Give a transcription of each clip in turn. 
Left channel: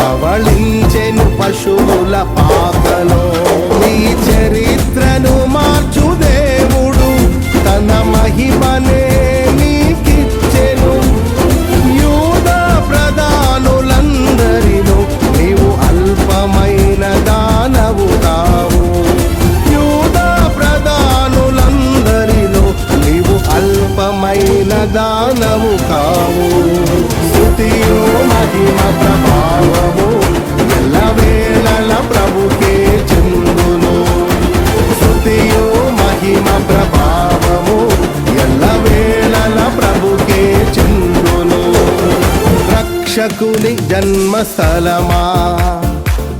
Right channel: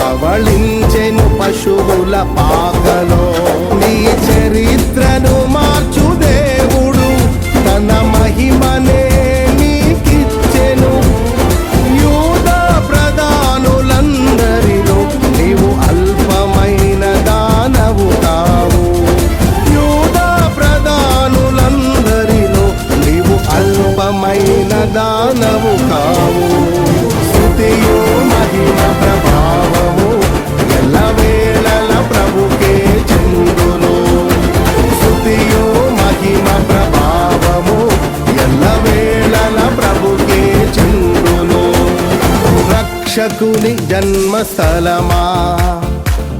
పవళించెను పశువుల పాకలో. నీ చరిత్రను మార్చు దేవుడు తన మహిమనే నీకిచ్చెను. యూద ప్రధానులందరిలో నీవు అల్పమైన దానవు కావు. యూద ప్రధానులందరిలో నీవు అల్పమైన దానవు కావు. స్థుతియో మహిమ ప్రభావము ఎల్లవేళల ప్రభుకే చెందును. స్థుతియో మహిమ ప్రభావము ఎల్లవేళల ప్రభుకే చెందును. రక్షకుని జన్మస్థలమా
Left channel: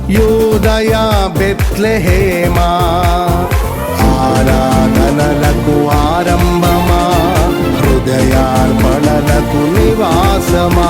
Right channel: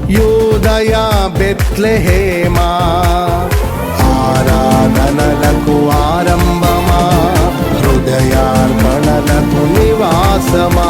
యూదయ బెత్లెహేమా ఆరాధనలకు ఆరంభమా హృదయార్పణలకు నివాసమా?